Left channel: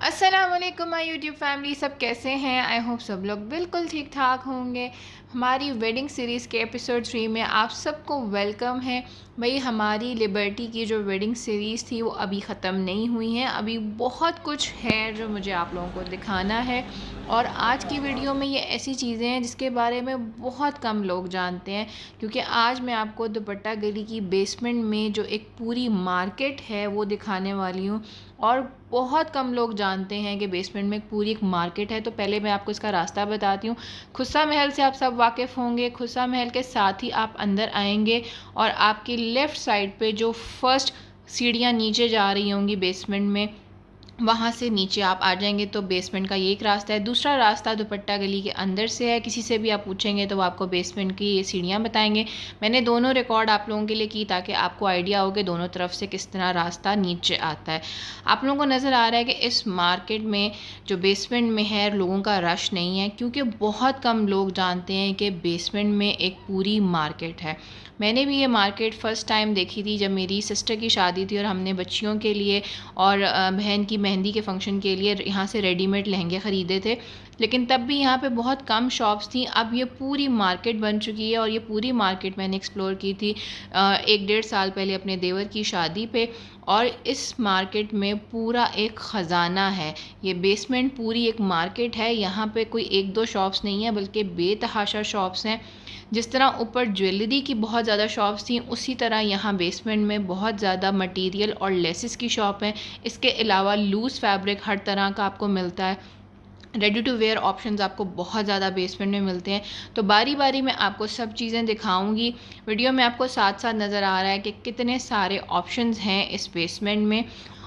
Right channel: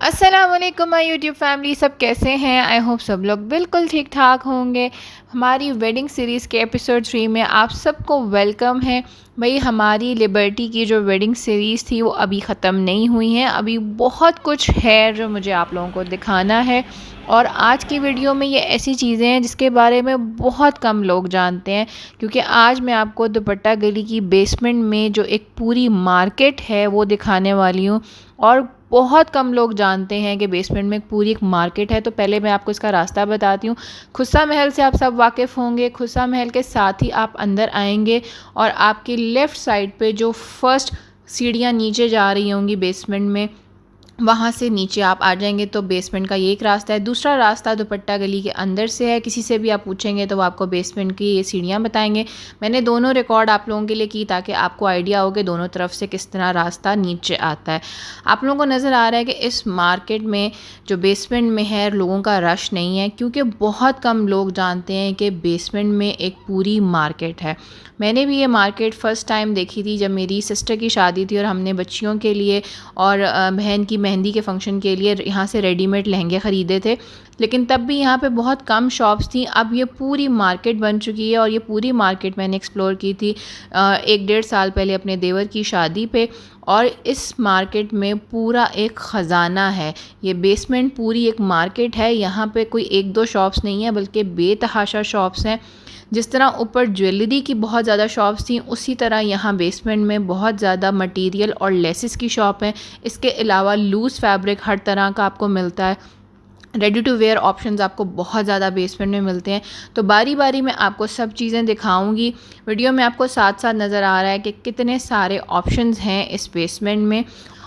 अस्सलाम वालेकुम my YouTube family, सब कैसे हैं। आई होप सब लोग बिल्कुल ठीक ठाक होंगे। हमारी वेडिंग सीरीज़ के एपिसोड 3 में आप सबको वेलकम है। भाई, हमारी लिबर्टी की जो वेडिंग सीरीज़ थी वो अभी ख़त्म नहीं हुई है, अभी बहुत कुछ है जो मुझे आप लोगों को दिखाना है। और आज की वीडियो में ये ऐसी चीज़ें हैं जिसके बारे में बहुत कम लोग जानते हैं, क्योंकि आज मैं आपको दुपट्टा गली की बेसमेंट में जो एक पूरी मार्केट है वो दिखाने वाली हूँ। और बहुत कम लोग जानते हैं कि बेसमेंट में पूरी एक मार्केट है। तो पहले मैं आपको इसका रास्ता बताती हूँ। खुस्सा महल से आप सब वाकिफ़ होंगे। खुस्सा महल के साथ ही आप अंदर आएंगे और आपकी लेफ़्ट साइड पे जो फर्स्ट सीढ़ियाँ नीचे जा रही होंगी बेसमेंट में, वहाँ से नीचे आप आ जाएंगे तो बेसमेंट का ये एक रास्ता है। दूसरा रास्ता दुपट्टा गली के अंदर से है। किसी से भी आप पूछेंगे तो वो आपको बेसमेंट की ये सीढ़ियाँ बताएंगे। मैंने दोनों रिकॉर्ड आप लोगों के लिए की ताकि आपको आइडिया हो कि दोनों तरफ से किस तरह रास्ता नीचे आता है। आप लोगों को नज़र आ रहा है कि इस मार्केट में जो बेसमेंट में है लोगों का रश नहीं है, क्योंकि बहुत कम लोग जानते हैं कि बेसमेंट में एक पूरी मार्केट है। मैंने भी ये मार्केट फ़र्स्ट टाइम देखी थी जब मेरी सिस्टर की शादी थी और हमने बच्चियों के लिए और बहन की मेहंदी के फंक्शन के लिए यहाँ से रेडीमेड लहंगे ख़रीदे थे। लेकिन तब भी यहाँ पे बहुत कम शॉप्स थी। अब ये पूरी मार्केट बन चुकी है और ये पूरी मार्केट मैंने एक्सप्लोर की थी 1 डेढ़ साल पहले अपने देवर की शादी पे। और इस मार्केट में पूरा एक ख़जाना है। ये बेसमेंट पूरी एक मार्केट है। यहाँ पे कोई एक दो शॉप्स नहीं है बल्कि बेतहाशा शॉप्स हैं। जिस तरह ऊपर ज्वेलरी की बहुत ज़्यादा शॉप्स थी, उसी तरह यहाँ बेसमेंट में बहुत ज़्यादा मटेरियल और लेसेस की शॉप है। इसके अलावा लूज़ फैब्रिक हर तरह का आपको मिलता है। रेडी टू वेयर ऑप्शंस आपको बहुत ज़्यादा बेसमेंट में मिलते हैं। तो बारी बारी में आपको सब चीज़ें दिखाऊंगी। वीडियो में आपको साथ साथ नज़र आ रहा है कि कितने सारे ऑप्शंस हैं इस बेसमेंट में।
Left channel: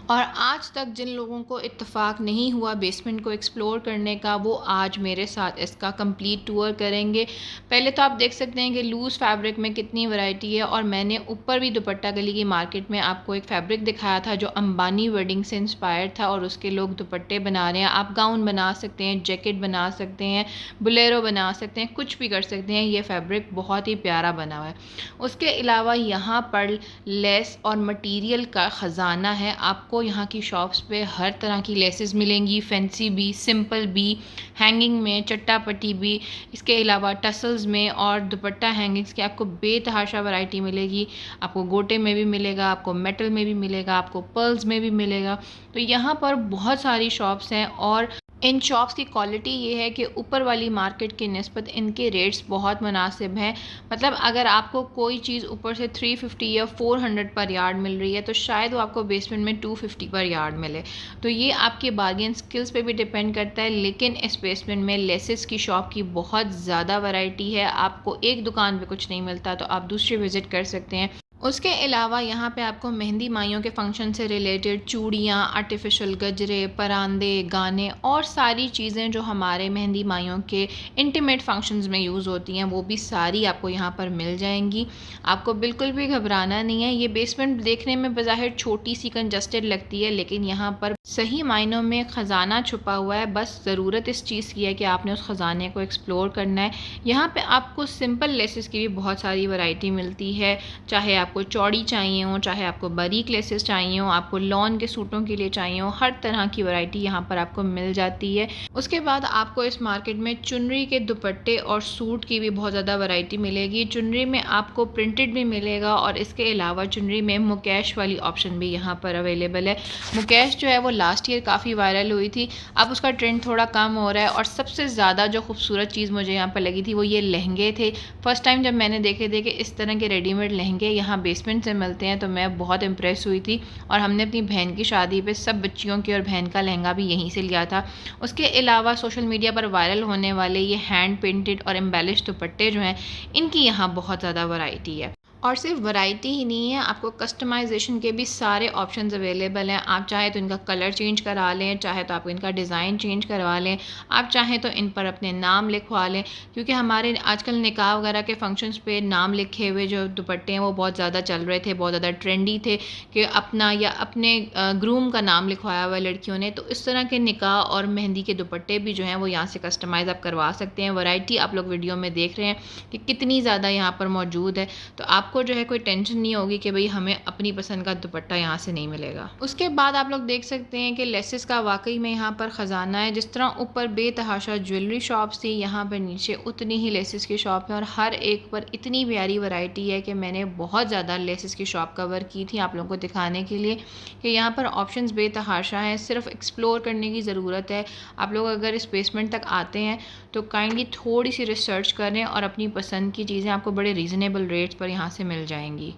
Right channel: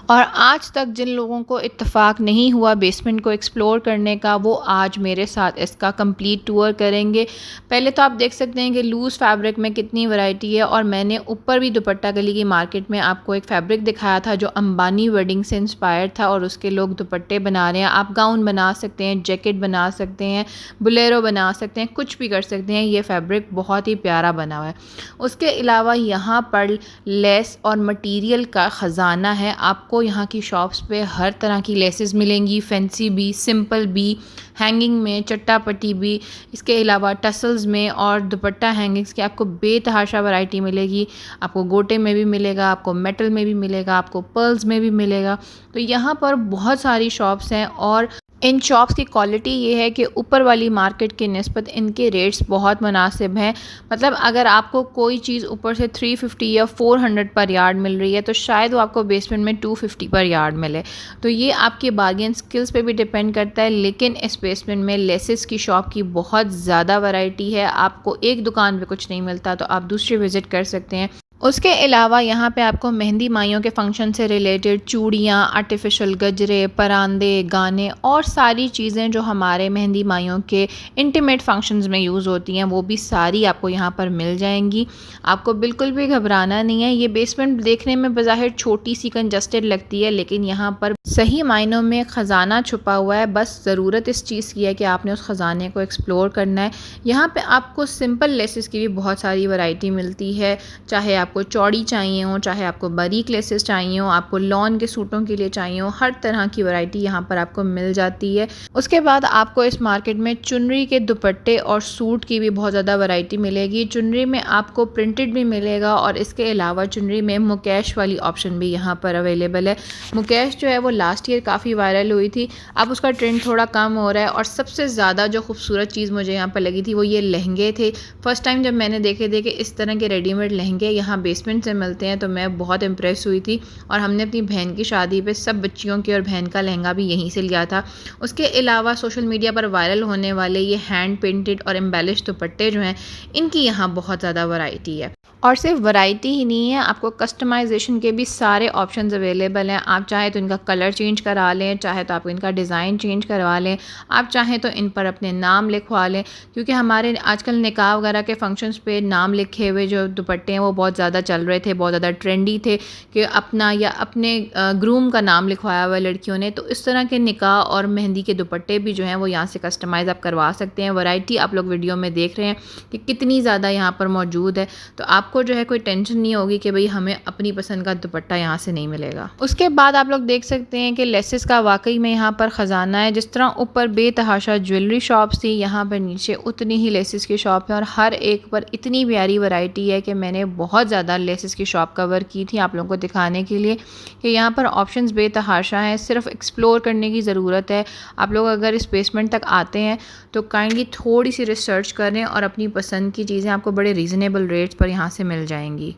और आज तक जिन लोगों को इत्तेफाक नहीं हुआ बेसमेंट को एक्सप्लोर करने का, वो आज मेरे साथ इसका कंप्लीट टूर करेंगे। पहले तो आप देख सकते हैं कि लूज़ फैब्रिक में कितनी वैरायटी है। और मैंने ऊपर भी दुपट्टा गली की मार्केट में आपको एक फैब्रिक दिखाया था जो अंबानी वेडिंग से इंस्पायर था और उसके लोग दुपट्टे बना रहे हैं। आप गाउन बना सकते हैं, जैकेट बना सकते हैं, बुलेरो बना सकते हैं, कुछ भी कर सकते हैं। ये फैब्रिक बहुत ही प्यारा बना हुआ है। उसके अलावा यहाँ पर लेस और मटेरियल का ख़जाना है। आपको यहाँ की शॉप्स पे हर तरह की लेसेस मिलेंगी, फैंसी भी, सिंपल भी, हैंगिंग में, चट्टापट्टी भी। इसके अलावा टसल्स में और दुपट्टा हैंगिंग्स की आपको बेतहाशा वैरायटी मिलेगी। आपको गोटे में भी मिलेगा, आपको मेटल में भी मिलेगा, आपको पर्ल्स में भी मिलेगा। तो यहाँ पर बहुत सारी शॉप्स हैं और इन शॉप्स की क्वालिटी ये है कि ऊपर वाली मार्केट की निस्बत इनके रेट्स बहुत मुनासिब हैं। मतलब अगर आपको कोई चीज़ ऊपर से 350 या 400 पर यार्ड मिल रही है तो शायद वो आपको बेसमेंट में 250 पर यार्ड मिले। तो ये आपके बार्गेन स्किल्स पे भी डिपेंड करता है। लेकिन इस बेसमेंट में लेसेस की शॉप की बहुत ज़्यादा वैरायटी है। आपको एक दुकान पे कुछ नहीं मिलता तो आप दूसरी विज़िट कर सकते हैं। उसके अलावा यहाँ पे आपको मेहंदी माइयों के फंक्शन से रिलेटेड चूड़ियाँ, आर्टिफिशियल गजरे, परांदे, गाने और सारी चीज़ें जो हमारे मेहंदी माइयों के इंटीमेट फंक्शंस में यूज़ होती हैं वो भी सारी आपको यहाँ पर मिल जाएंगी। आपको बिल्कुल भी घबराना नहीं है। ये बेसमेंट देखने में बज़ाहिर छोटी सी कंजस्टेड लगती है, लेकिन यहाँ पर सही मायनों में ख़जाना छुपा हुआ है। बस ज़रूरत इस चीज़ की है कि आपने उस ख़जाने को एक्सप्लोर करना है। यहाँ पे आपको सिंपल लेसेस की भी बहुत सारी वैरायटी मिलती है। चाहे आपको चौड़ी चाहिए हो, चाहे आपको बारीक लेसेस चाहिए हो, आपको लॉन के सूटों के लिए चाहिए हो, हर तरह की वैरायटी यहाँ पर आपको मिल जाती है। उसके बाद आपको इस मार्केट में चुनरी के दुपट्टे और सूट की भी बहुत ज़्यादा वैरायटी मिलेगी। चुनरी में आपको प्रिंटेड भी मिलेगा और इसके अलावा चुनरी में मुकेश वाली ऑप्शन भी यहाँ पर अवेलेबल है। मुकेश जो है वो लास्ट ईयर काफ़ी वायरल हुई थी, अब उसका ट्रेंड थोड़ा कम हो रहा है। और सबसे ज़्यादा जो खूबसूरत चीज़ मुझे यहाँ पर लगी थी वो ये लहंगे थे। फर्स्ट टाइम जब मैंने देखे थे कि इस तरह के रेडीमेड लहंगे यहाँ बेसमेंट से मिलते हैं तो मैं बहुत इम्प्रेस हुई थी। और हमने अपनी बहन की शादी पे सब बच्चियों की और बहन का लहंगा भी यहीं से लिया था। उसके अलावा सोशल मीडिया पर वायरल होने वाले ये हैंड पेंटेड और एम्बेलिश दुपट्टे जो हैं, इनकी यहाँ बहुत ज़्यादा वैरायटी है। और सिर्फ वैरायटी ही नहीं है, आपको कस्टमाइजेशन के भी सारे ऑप्शंस अवेलेबल हैं। आप चाहे तो इनका कलर चेंज करा लें, चाहे तो आप इनका डिज़ाइन चेंज करवा लें, आप चाहें तो इन पर अपने नाम लिखवा लें। क्योंकि हमारे आजकल निकाह वगैरह के फंक्शंस पे नाम लिखे हुए जो दुपट्टे हैं वो बहुत ज़्यादा चल रहे थे, बहुत ज़्यादा ट्रेंडी थे कि अपना या अपने ग्रूम का नाम लिखवाया हुआ लड़कियों ने। तो इस तरह के निकाह और मेहंदी के दुपट्टे भी जो हैं वो यहाँ से कस्टमाइज़ आप करवा सकते हैं। वैरायटी आप लोग वीडियो में देख रहे हैं कि कितनी ज़्यादा यहाँ पर मौजूद है। तो आप आपको जो है कोई टेंशन नहीं होगी कि भाई हमें अपनी पसंद का दुपट्टा यहाँ से नहीं मिलेगा। उसके बाद आप लोग देख सकते हैं कि लेसेस का वाकई में यहाँ पर ख़जाना है। जिस तरह ऊपर बेतहाशा ज्वेलरी शॉप्स थी, यहाँ पर नीचे उतनी ही लेसेस की शॉप है और हर एक पर इतनी प्यारी वैरायटी है कि मैंने बहुत ज़्यादा लेसेस की शॉप कवर की थी आप लोगों को दिखाने के लिए कि यहाँ पर ऑप्शंस बेतहाशा हैं। सिर्फ एक्सप्लोर करने की ज़रूरत है। आप लोग अगर इस बेसमेंट तक आते हैं तो काइंडली थोड़ी सी रिसर्च करें और अपनी पसंद की चीज़ें आपको बड़े रीज़नेबल रेट्स पर यहाँ से मिल जाएंगी।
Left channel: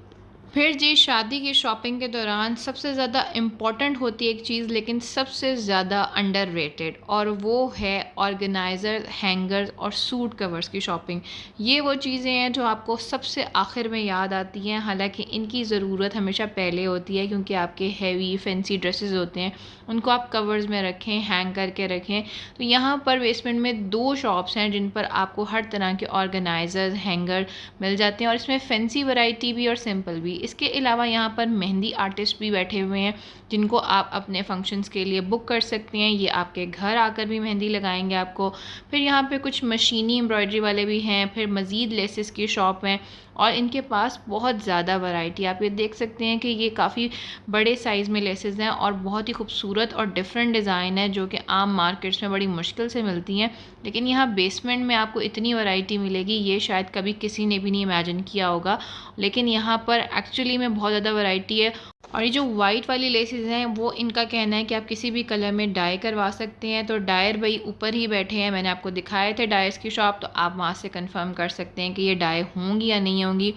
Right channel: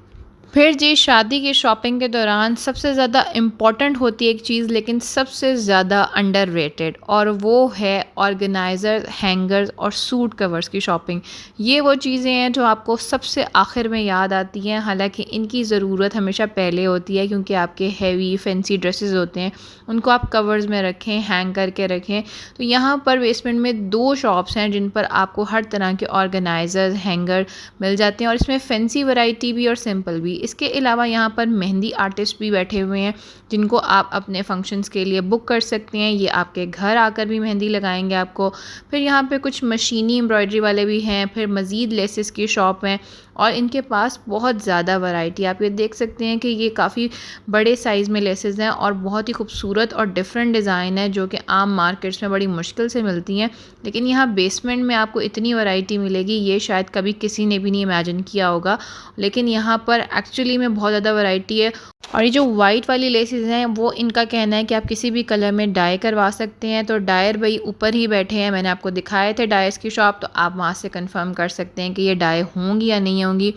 फिर जी शादी की शॉपिंग के दौरान सबसे ज़्यादा इम्पॉर्टेंट होती है एक चीज़, लेकिन सबसे ज़्यादा अंडररेटेड, और वो है ऑर्गेनाइज़र, हैंगर्स और सूट कवर्स की शॉपिंग। ये वो चीज़ें हैं जो आपको सबसे आखिर में याद आती हैं। हालांकि इनकी ज़रूरत हमेशा पहले होती है क्योंकि आपके हैवी फैंसी ड्रेसेस होते हैं उनको आप कवर्स में रखें, हैंग करके रखें। तो यहाँ पर बेसमेंट में 2 शॉप्स हैं जिन पर आपको हर तरह के ऑर्गेनाइज़र्स, हैंगर मिल जाते हैं और इसमें फैंसी वैरायटी भी और सिंपल भी। इसके अलावा यहाँ पर मेहंदी आर्टिस्ट भी बैठे हुए हैं जिनको आप अपने फंक्शंस के लिए बुक कर सकते हैं। ये आपके घर आकर भी मेहंदी लगाएंगे आपको। फिर यहाँ पे कुछ मशीनी एम्ब्रॉयडरी वाले भी हैं। फिर मज़ीद लेसेस की शॉप हैं और इनके पास बहुत ज़्यादा वैरायटी। आप ये देख सकते हैं कि ये काफ़ी बड़े साइज़ में लेसेस हैं और बहुत ही खूबसूरत और डिफरेंट डिज़ाइन है जो कि आम मार्केट्स में बड़ी मुश्किल से मिलती हैं। लेकिन यहाँ बेसमेंट में आपको इतनी वैरायटी मिलेगी, ये शायद कभी किसी ने भी नहीं इमेजिन किया होगा। लेकिन यहाँ पर एक्चुअली में बहुत ज़्यादा वैरायटी है। और ये जो वाइट वाली लेसेस हैं वो इनका कहना है कि आप किसी भी कलर में डाई करवा सकते हैं। तो डायर भाई ऊपर ही बैठे हैं, मैंने आपको दिखाए थे डायर्स की शॉप, तो आप वहाँ से कंफर्म कर सकते हैं कि ये डाई होंगी या नहीं होंगी।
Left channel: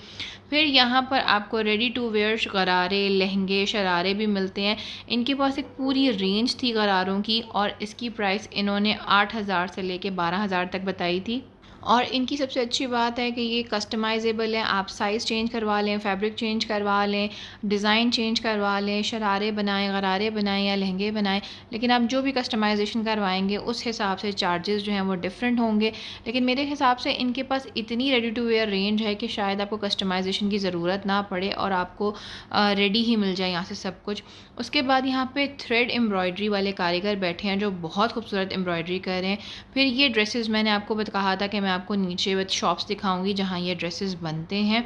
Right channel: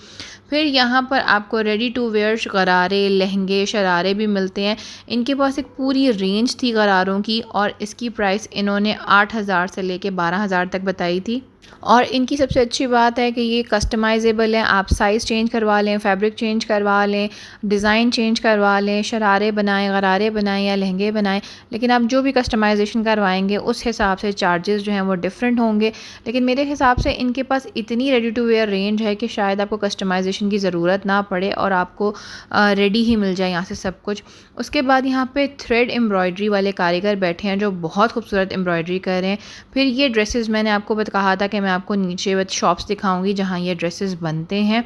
फिर यहाँ पर आपको रेडी टू वेयर गरारे, लहंगे, शरारे भी मिलते हैं। इनके पास एक पूरी रेंज थी गरारों की और इसकी प्राइस इन्होंने 8,000 से लेके 12,000 तक बताई थी। और इनकी सबसे अच्छी बात है कि ये कस्टमाइजेबल है। आप साइज़ चेंज करवा लें, फैब्रिक चेंज करवा लें, डिज़ाइन चेंज करवा लें, शरारे बनाएं, गरारे बनाएं या लहंगे बनाएं। लेकिन आप जो भी कस्टमाइजेशन करवाएंगे उस हिसाब से चार्जेस जो हैं वो डिफरेंट होंगे। लेकिन मेरे हिसाब से इनके पास इतनी रेडी टू वेयर रेंज है कि शायद आपको कस्टमाइजेशन की ज़रूरत ना पड़े और आपको रेडी ही मिल जाए यहाँ से सब कुछ। उसके बाद यहाँ पे थ्रेड एम्ब्रॉयडरी वाले कारीगर बैठे हैं जो बहुत खूबसूरत एम्ब्रॉयडरी कर रहे हैं। फिर ये ड्रेसेस मैंने आपको कहा था कि मैं आपको नीचे शॉप्स दिखाऊंगी जहाँ ये ड्रेसेस बनते हैं।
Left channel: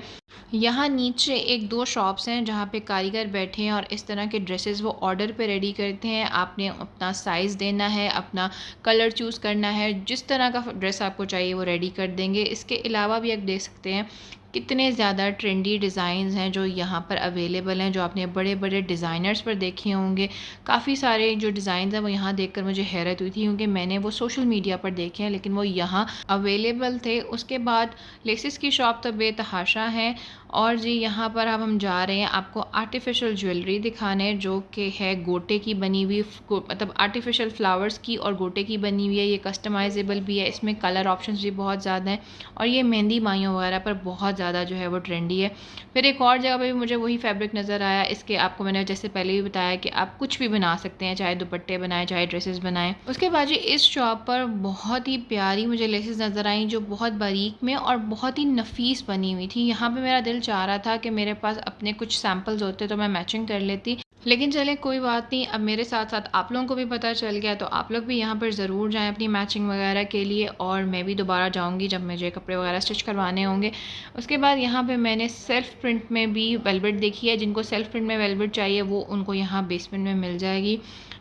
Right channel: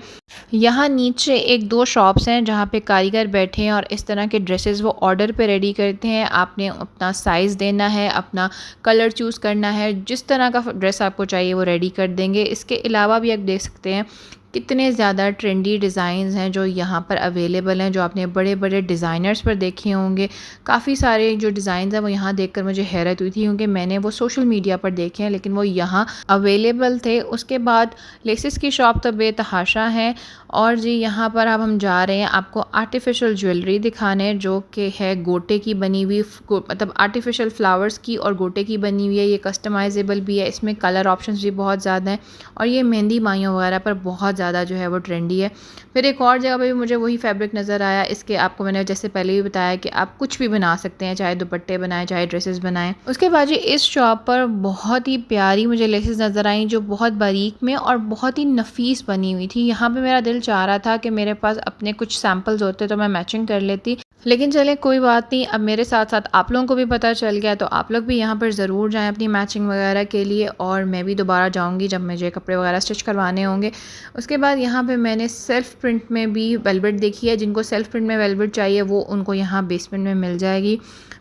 यहाँ नीचे 1-2 शॉप्स हैं जहाँ पे कारीगर बैठे हैं और इस तरह के ड्रेसेस वो ऑर्डर पे रेडी करते हैं। आपने अपना साइज़ देना है, अपना कलर चूज़ करना है, जिस तरह का ड्रेस आपको चाहिए वो रेडी कर देंगे। इसके अलावा भी आप देख सकते हैं कितने ज़्यादा ट्रेंडी डिज़ाइंस हैं जो यहाँ पर अवेलेबल हैं, जो आपने बड़े बड़े डिज़ाइनर्स पर देखे होंगे। काफ़ी सारे जो डिज़ाइंस हैं वो यहाँ देखकर मुझे हैरत हुई थी क्योंकि मैंने वो सोशल मीडिया पर देखे हैं लेकिन वो यहाँ अवेलेबल थे। उसके बाद लेसेस की शॉप तो बेतहाशा है। और जी यहाँ पर अब हम जा रहे हैं आपको आर्टिफिशियल ज्वेलरी दिखाने जो कि है गोटे की बनी हुई, मतलब आर्टिफिशियल फ्लावर्स की और गोटे की बनी हुई है। ये कस्टमाइजेबल भी है, इसमें कलर ऑप्शंस भी बहुत ज़्यादा हैं और ये मेहंदी माइयों वगैरह पर बहुत ज़्यादा जो है वो ट्रेंडी है। फिर एक और जगह पे भी मुझे वही फैब्रिक नज़र आया। इसके आपको मैंने जैसे पहले भी बताया कि आप कुछ भी बना सकते हैं, चाहे दुपट्टे बनाएं, चाहे ड्रेसेस बनाएं। उसके बाद जी इस शॉप पर बहुत ही प्यारी मुझे लेसेस नज़र आई जो बहुत बारीक में और बहुत ही नफीस बनी हुई थी। यहाँ पे मेरा दिल चाह रहा था कि मेरे पास अपने कुछ सैम्पल्स होते तो मैं मैचिंग कर लेती, लेकिन चलें कोई बात नहीं। अब मेरे साथ साथ आप लोगों को भी पता चल गया तो आप लोग भी यहाँ पर ज़रूर जाएं अपनी मैचिंग वगैरह के लिए। और मैं भी दोबारा जाऊँगी जब मुझे कपड़े वगैरह स्टिच करवाने होंगे। उसके बाद यहाँ पे मैंने सेल्फ़ प्रिंट में भी वेलवेट देखी है। जिनको सेल्फ़ प्रिंट में वेलवेट चाहिए वो उनको यहाँ बेसमेंट में मिल जाएगी।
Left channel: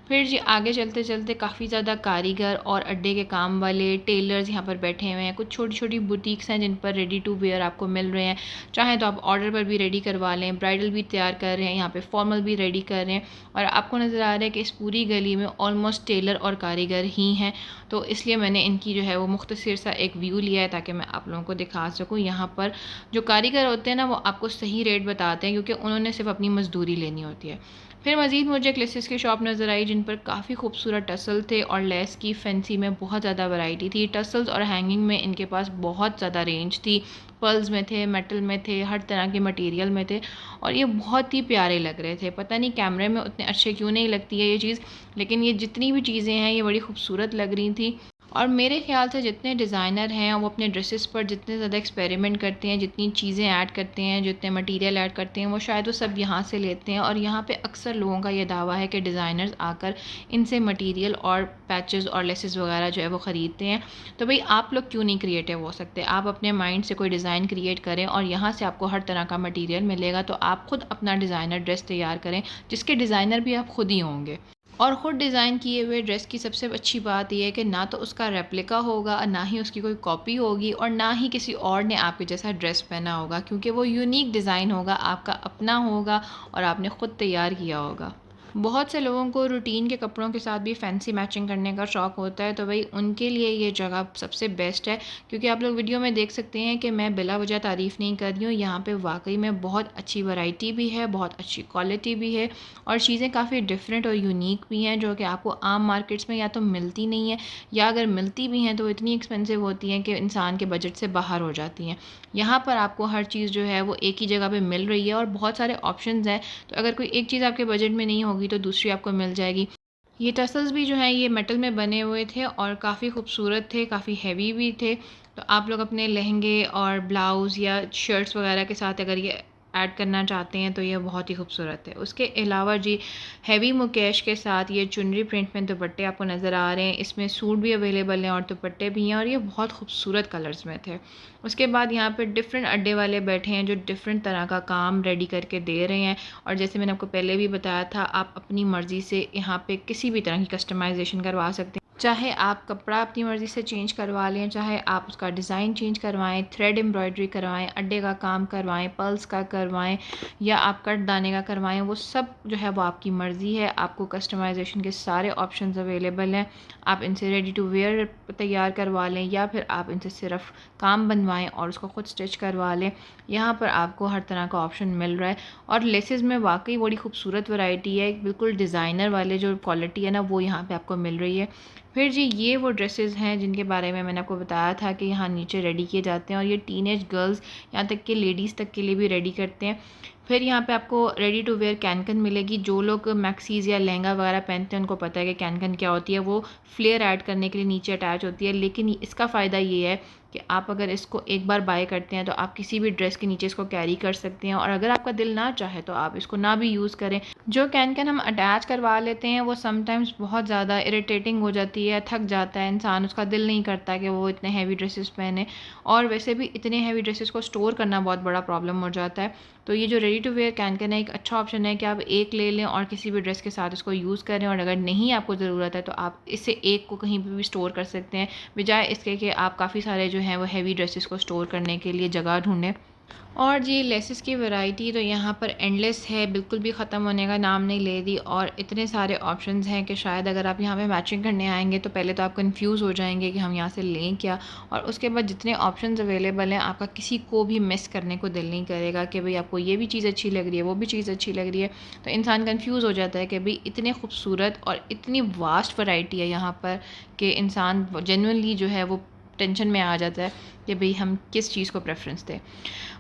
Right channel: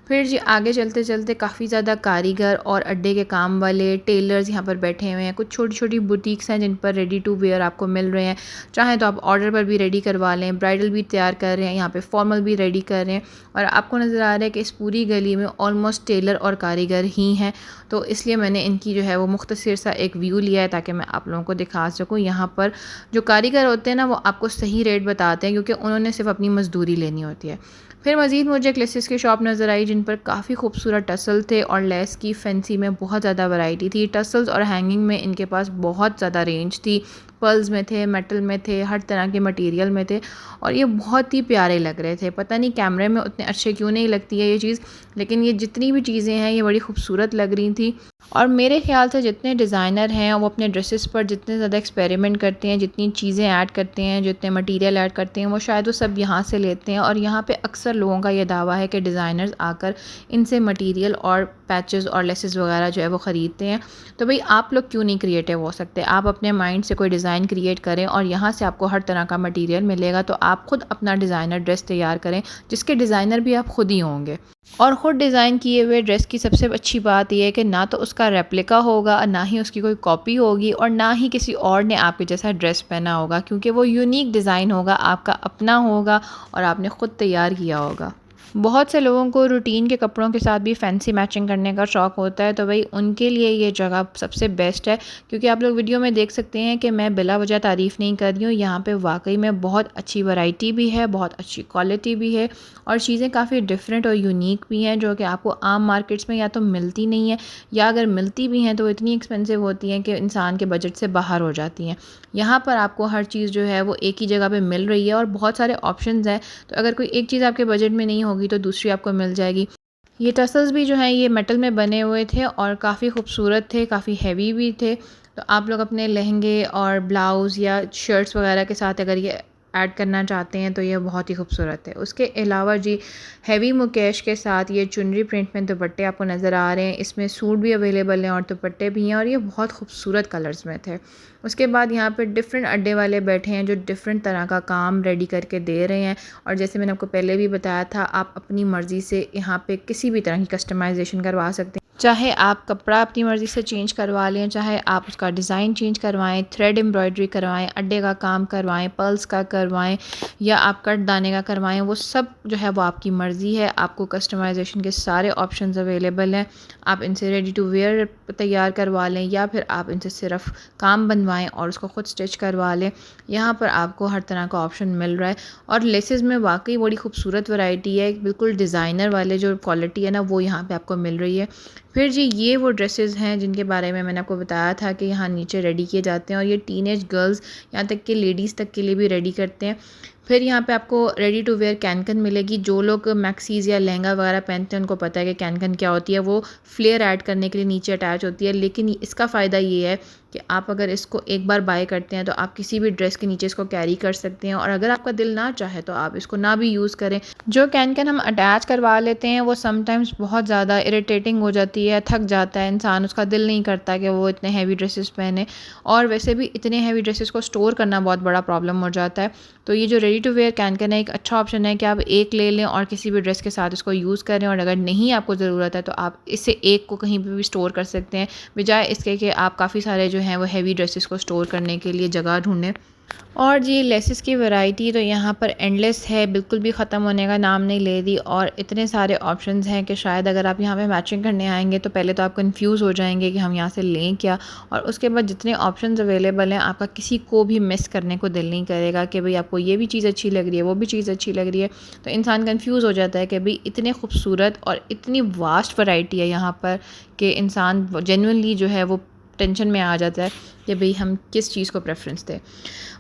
फिर जी आगे चलते चलते काफ़ी ज़्यादा कारीगर और अड्डे के काम वाले टेलर्स यहाँ पर बैठे हुए हैं। कुछ छोटी छोटी बुटीक्स हैं जिन पर रेडी टू वेयर आपको मिल रहे हैं। चाहे तो आप ऑर्डर पर भी रेडी करवा लें, ब्राइडल भी तैयार कर रहे हैं, यहाँ पे फॉर्मल भी रेडी कर रहे हैं। और आपको नज़र आ रहा है कि इस पूरी गली में ऑलमोस्ट टेलर और कारीगर ही हैं। तो इसलिए मैंने इनकी जो है वो मुख्तसर सा एक व्यू लिया है ताकि मैं आप लोगों को दिखा सकूँ। यहाँ पर जो कारीगर होते हैं ना वो आपको सही रेट बताते हैं क्योंकि उन्होंने सिर्फ अपनी मजदूरी लेनी होती है। फिर मज़ीद मुझे एक लेसेस की शॉप नज़र आई जिन पर काफ़ी खूबसूरत टसल थे और लेस की फैंसी में बहुत ज़्यादा वैरायटी थी। टसल्स और हैंगिंग में इनके पास बहुत ज़्यादा रेंज थी। पर्ल्स में थे, मेटल में थे, हर तरह के मटेरियल में थे और ये बहुत ही प्यारे लग रहे थे। पता नहीं कैमरे में उतने अच्छे क्यों नहीं लगती है ये चीज़, लेकिन ये जितनी भी चीज़ें हैं ये बड़ी खूबसूरत लग रही थी। और मेरे ख्याल से जितने डिज़ाइनर हैं वो अपने ड्रेसेस पर जितने ज़्यादा एक्सपेरिमेंट करते हैं, जितनी चीज़ें ऐड करते हैं, जितने मटेरियल ऐड करते हैं, वो शायद वो सब यहाँ से लेते हैं। और यहाँ पे अक्सर लोगों का ये दावा है कि डिज़ाइनर्स आकर इनसे मटेरियल और पैचेस और लेसेस वगैरह जो है वो ख़रीदते हैं। तो भाई आप लोग क्यों नहीं क्रिएटिव हो सकते? आप अपने माइंड से कोई डिज़ाइन क्रिएट करें और यहाँ से आपको हर तरह का मटेरियल मिलेगा। तो आप खुद अपना डिज़ाइनर ड्रेस तैयार करें, जिसके डिज़ाइनर भी आप खुद ही होंगे। और ख़ुद डिज़ाइन किए हुए ड्रेस की सबसे अच्छी बात यह है कि ना तो उसका रेप्लिका होगा, ना ही उसकी कोई कॉपी होगी, और ना ही किसी और ने आपके जैसा ड्रेस पहना होगा, क्योंकि वो यूनिक डिज़ाइन होगा, आपका अपना होगा और आपने ख़ुद तैयार किया होगा। बहुत से लोगों को रूटीन के कपड़ों के साथ भी फैंसी मैचिंग करने का शौक़ होता है, तो भाई उनके लिए ये जगह सबसे बेस्ट है। क्योंकि आप लोग वीडियो में देख सकते हैं कि मैं बिला वजह तारीफ़ नहीं कर रही हूँ, यहाँ पे वाकई में बहुत अच्छी वैरायटी भी है, बहुत अच्छी क्वालिटी भी है, और चीज़ें काफ़ी डिफरेंट और यूनिक भी हैं, जो कि आपको आम मार्केट्स में या तो मिलती नहीं है, या अगर मिलती भी हैं तो इतनी एक्सपेंसिव होती हैं कि इंसान के बजट से बाहर हो जाती हैं। यहाँ पर आपको हर चीज़ जो है वो एक ही जगह पे मिल रही है और बहुत सारे ऑप्शंस हैं। तो अगर कोई एक चीज़ आपके बजट में नहीं होगी तो दूसरी आपको मिल जाएगी। ये टसल्स भी जो हैं ये मेटल में बने हुए थे और काफ़ी खूबसूरत थे, काफ़ी हैवी भी थे। तो आप लोग अपने लहंगे और ब्लाउज़ या शर्ट्स वगैरह के साथ अगर ये ऐड करना चाहते हैं तो ये बहुत ही खूबसूरत है। उसके अलावा जी, हैवी मुकेश के साथ ये चुनरी प्रिंट में दुपट्टे आपको नज़र आ रहे हैं। इसमें सूट भी अवेलेबल हैं और दुपट्टे भी हैं, और ये बहुत खूबसूरत कलर्स में थे। उसके बाद यहाँ पे डिफरेंट अड्डे वाले बैठे हैं जो डिफरेंट तरह का काम रेडी करके दे रहे हैं। और जैसे मैंने आपको पहले भी बताया था, आप अपनी मर्ज़ी से यहाँ पे किसी भी तरह की कस्टमाइजेशन करवा सकते हैं। चाहे आप कपड़ा अपनी मर्ज़ी से चेंज करवा लें, चाहे आप उसका डिज़ाइन चेंज करवाएं, थ्रेड एम्ब्रॉयडरी करवाएं, अड्डे का काम करवाएं, पर्ल्स का करवाएं, या आप कट दाने का करवाएं, वो सब जो है वो आपकी मर्ज़ी है। आपको कस्टमाइजेशन के सारे ऑप्शंस अवेलेबल हैं। आप इनसे रेडी टू वेयर तैयार करवा लें, या फिर आप इनसे सिर्फ काम बनवाएं और उसको ख़ुद स्टिच करवा लें। यहाँ पर आपको हर तरह का ऑप्शन मिल रहा है, और लेसेस में वाकई बड़ी खूबसूरत वैरायटी है। बिल्कुल डिज़ाइनर वाले जो क्वालिटी है ना, वो यहाँ पे आपको मिल रही है। फिर जी, ये वो ड्रेसेस हैं जिनके बारे में मैंने आपको बताया था कि यहाँ नीचे रेडी किए जाते हैं, और ये टीनेज गर्ल्स, यहाँ तक कि लेडीज़ तक के लिए भी रेडी करते हैं। फिर यहाँ पे आपको रेडी टू वेयर कैन मिलेगी। जो लोग मैक्सीज़ या लहंगा वगैरह पहनते हैं उनको पता है कि कैन क्या होती है। वो फ्लेयर ऐड करने के लिए नीचे अटैच होती है, लेकिन इसका फ़ायदा ये है कि आप अगर इसको एक बार बाय करते हैं तो आप किसी भी ड्रेस के नीचे इसको कैरी कर सकते हैं, और अगर आपका दिल ना चाहे तो आप इसको ना भी यूज़ करें। जो कैन हम अटैच करवा लेते हैं वो समटाइम्स बहुत ज़्यादा इरिटेटिंग हो जाती है, थक जाता है इंसान, उसका दिल नहीं करता कि वो इतने हैवी ड्रेसेस पहने, और वैसे भी इतने हैवी ड्रेसेस को स्टोर करना बहुत बड़ा प्रॉब्लम हो जाता है। तो ये जो रेडी टू वेयर कैन है, एक अच्छा ऑप्शन है कि आप एक ले लें और किसी भी ड्रेस के साथ इसको यूज़ करें, और अगर नहीं आपको ज़रूरत है तो आप इससे एक को कहीं पर भी स्टोर कर सकते हैं, बजाय इसके कि आप काफ़ी सारे जो हैं वो हैवी ड्रेसेस को स्टोर करने के लिए जगह ढूंढें। और जी, लेसेस की वैरायटी तो यहाँ पर एंडलेस है, बिल्कुल भी ख़त्म होने का नाम नहीं ले रही, और इतने सारे ऑप्शंस हैं कि शायद अगर आप यहाँ पे मैचिंग करने आएंगे तो पहले तो आप कंफ्यूज हो जाएंगे कि हम यहाँ से लें क्या, और उसके बाद जितने ऑप्शंस अवेलेबल हैं आपका किसी को भी मिस करने को दिल नहीं करेगा कि भाई आपको ये भी चीज़ अच्छी लग रही है, वो भी चीज़ अच्छी लग रही है। तो इंसान कन्फ्यूज़ हो जाता है कि भाई इतने खूबसूरत और इतनी वास्ट वैरायटी है यहाँ पर कि इंसान जेन्युइनली जो है वो टेंशन में आ जाता है कि भाई हम किस चीज़ को प्रेफरेंस दें।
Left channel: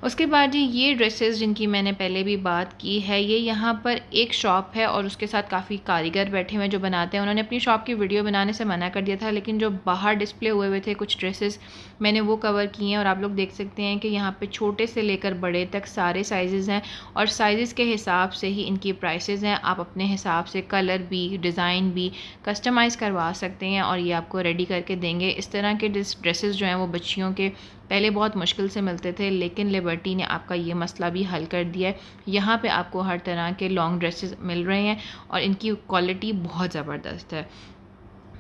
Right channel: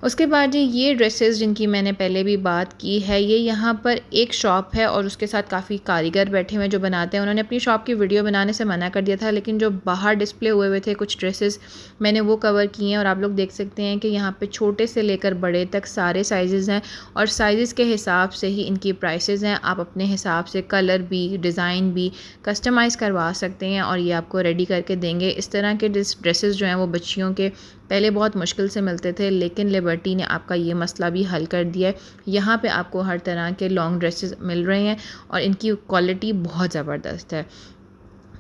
उसके बाद जी, ये ड्रेसेस जिनकी मैंने पहले भी बात की है, ये यहाँ पर एक शॉप है और उसके साथ काफ़ी कारीगर बैठे हुए हैं जो बनाते हैं। उन्होंने अपनी शॉप की वीडियो बनाने से मना कर दिया था, लेकिन जो बाहर डिस्प्ले हुए थे कुछ ड्रेसेस, मैंने वो कवर किए हैं। और आप लोग देख सकते हैं कि यहाँ पे छोटे से लेकर बड़े तक सारे साइज़ हैं, और साइज़ के हिसाब से ही इनकी प्राइसेस हैं। आप अपने हिसाब से कलर भी, डिज़ाइन भी कस्टमाइज़ करवा सकते हैं, और ये आपको रेडी करके देंगे। इस तरह के ड्रेसेस जो हैं वो बच्चियों के पहले बहुत मुश्किल से मिलते थे, लेकिन लिबर्टी ने आपका ये मसला भी हल कर दिया है। यहाँ पे आपको हर तरह के लॉन्ग ड्रेसेस मिल रहे हैं, और इनकी क्वालिटी बहुत ज़बरदस्त है।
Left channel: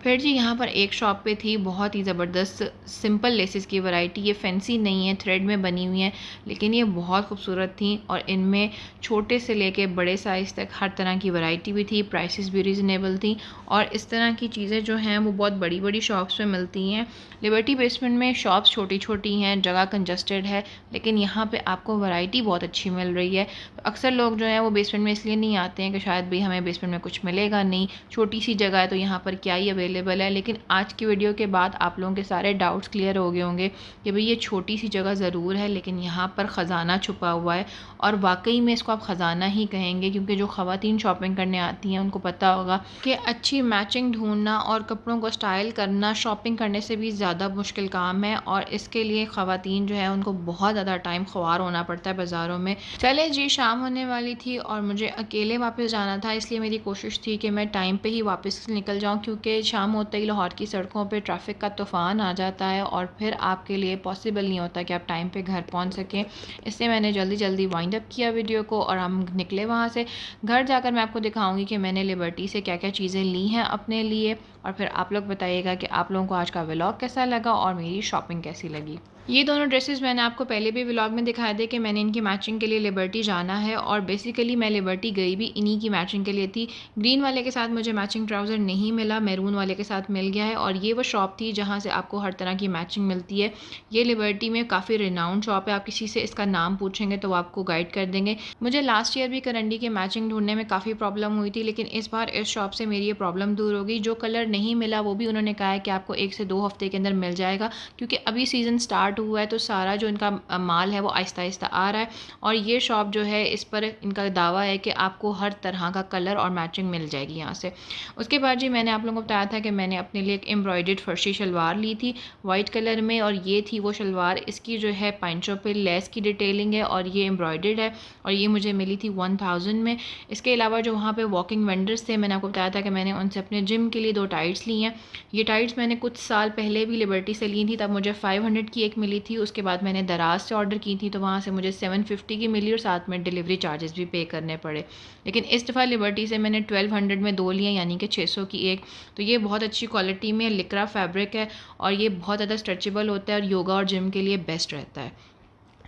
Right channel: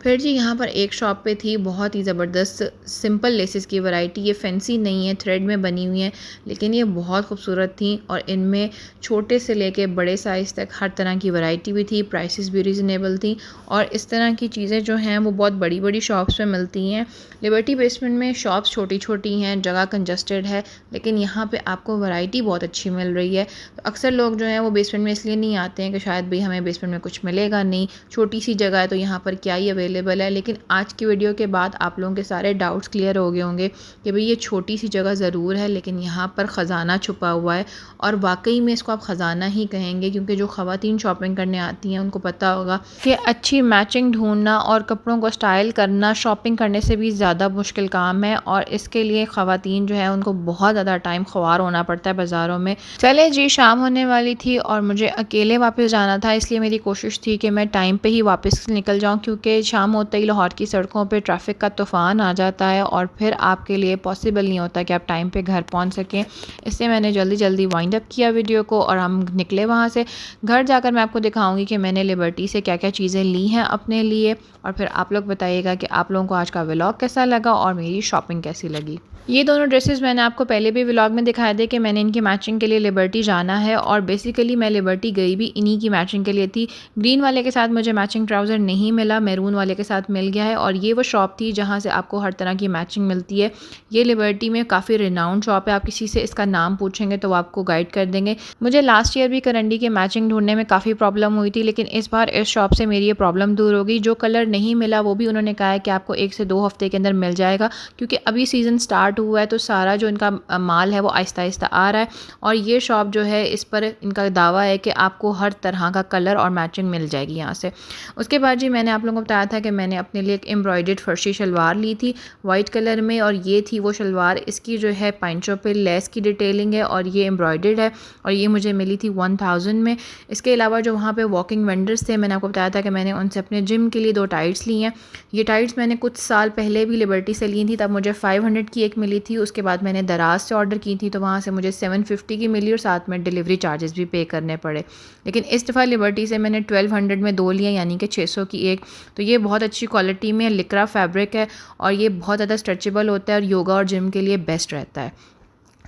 फिर जी, यहाँ पर एक शॉप पे थी बहुत ही ज़बरदस्त सिंपल लेसेस की वैरायटी। ये फैंसी नहीं है, थ्रेड में बनी हुई हैं, लेकिन ये बहुत खूबसूरत थी, और इनमें छोटे से लेके बड़े साइज़ तक हर तरह की वैरायटी भी थी, प्राइसेस भी रीज़नेबल थी। और इस तरह की चीज़ें जो हैं वो बहुत बड़ी बड़ी शॉप्स में मिलती हैं। लिबर्टी बेसमेंट में शॉप्स छोटी छोटी हैं, जगह कंजस्टेड है, लेकिन यहाँ पे आपको वैरायटी बहुत अच्छी मिल रही है। तो अक्सर लोग जो हैं वो बेसमेंट में इसलिए नहीं आते हैं कि शायद भाई हमें बेसमेंट में कुछ मिलेगा नहीं, छोटी सी जगह है तो यहाँ पर क्या ही अवेलेबल अवेलेबल है। लेकिन आज की वीडियो के बाद आप लोगों के सारे डाउट्स क्लियर हो गए होंगे कि भाई ये छोटी सी जगह ज़रूर है लेकिन यहाँ पर ख़जाना छुपा हुआ है। और वाकई में इसको आप ख़जाना ही कहेंगे, क्योंकि जो ख़वातीन शॉपिंग करने आती हैं उनको पता होगा कि अच्छी मैचिंग ढूंढना और कपड़ों को स्टाइल करना शॉपिंग करने से भी ज़्यादा मुश्किल काम है। और इसके लिए ख़वातीन जो है उनको बहुत ज़्यादा टाइम ख्वार होना पड़ता है बाज़ारों में। चले जी, शाम होने वाली थी और मुझे अकेले वापस जाना था, इसलिए मेरी कोशिश थी कि मैं टाइम पे ही वापस निकल जाऊं, क्योंकि शाम होते ही लाहौर की सड़कों पे ट्रैफिक का तूफ़ान आ जाता है और फिर आपके लिए पॉसिबल नहीं होता कि आप टाइम पे घर पहुंच सकें। इसलिए मैंने जल्दी जल्दी वाइंड अप किया वीडियो को और हम निकले वहाँ से। घर जाकर मैं आपको दिखाऊँगी कि मैंने लिबर्टी से क्या क्या चीज़ें ली हैं अपने लिए, और फिर आप लोग बताइएगा कि आप लोगों को आज का व्लॉग कैसा लगा और मेरी शॉपिंग कैसी लगी। ये दोनों ड्रेसेस मैंने आपको पहले भी व्लॉग में दिखाया थे कि मैंने इनकी मैचिंग के लिए लिबर्टी जाना है, और बेसिकली मैं लिबर्टी गई भी इन्हीं की मैचिंग के लिए थी। ग्रीन वाले के साथ मुझे मैचिंग ट्राउज़र नहीं मिला, मैरून वाले के साथ मिल गया है। और ये वो शॉप थी जहाँ से आपको हर तरह की मैचिंग मिलती है। ये लिबर्टी में काफ़ी रिनाउंड शॉप है, आप किसी से इसका नाम पूछेंगे तो वो आपको गाइड कर देंगे। मुझे लास्ट ईयर भी करंडी की मैचिंग ढूंढने में काफ़ी प्रॉब्लम हुई थी, लेकिन इस बार इस शॉप से मेरी ये प्रॉब्लम दूर हो गई। जो कलर नहीं मिला वो भी उन्होंने कहा है कि आपको 1 से 2 हफ्ते के अंदर मिल जाएगा, क्योंकि अभी सीज़न स्टार्ट हुआ है तो सारा जो इनका माल है वो आहिस्ता आहिस्ता आ रहा है। और ये शॉप जो है इस पर इनका दावा है कि आपको हर तरह का कलर और मैचिंग मिल जाएगी यहाँ से। उसके बाद जी मैंने आप लोगों को बताया था कि मैंने अपने लिए एक एम्ब्रॉयडर्ड फर्शी शलवार ली थी वाइट कलर में, और ये थी वो शलवार। इसकी जो है पैंचों पे लेस की डिटेलिंग है और ये एम्ब्रॉयडर्ड है, और ये मुझे मिली थी 1000 में। इसके अलावा जो वहाँ पे वॉकिंग वेंडर्स थे, मैंने आपको बताया था कि मैंने उनसे अपने जिम के लिए 2 टाइट्स ली हैं। ये टाइट्स मैंने कुछ साल पहले भी लिबर्टी से ली थी, तब मुझे 500 की एक मिली थी। उसके बाद मैंने दराज से ऑर्डर की थी तो वहाँ से मुझे 750 की मिली और साथ में डिलीवरी चार्जेस भी पे करने पड़े। लेकिन इस दफ़ा लिबर्टी से मैंने 1200 में 2 लिए, यानी कि 600 की एक। तो ये बहुत अच्छी क्वालिटी में लिक्रा फैब्रिक है और ये बहुत ज़्यादा स्ट्रेचेबल होता है और योगा और जिम के लिए बेस्ट रहता है।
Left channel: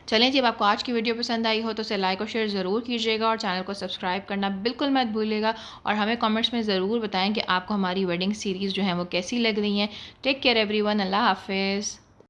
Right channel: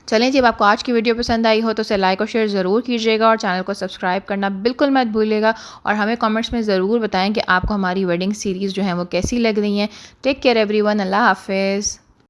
चलें जी, अब आपको आज की वीडियो पसंद आई हो तो उसे लाइक और शेयर ज़रूर कीजिएगा और चैनल को सब्सक्राइब करना बिल्कुल मत भूलिएगा। और हमें कमेंट्स में ज़रूर बताएं कि आपको हमारी वेडिंग सीरीज़ जो है वो कैसी लग रही हैं। टेक केयर एवरीवन, अल्लाह हाफिज़।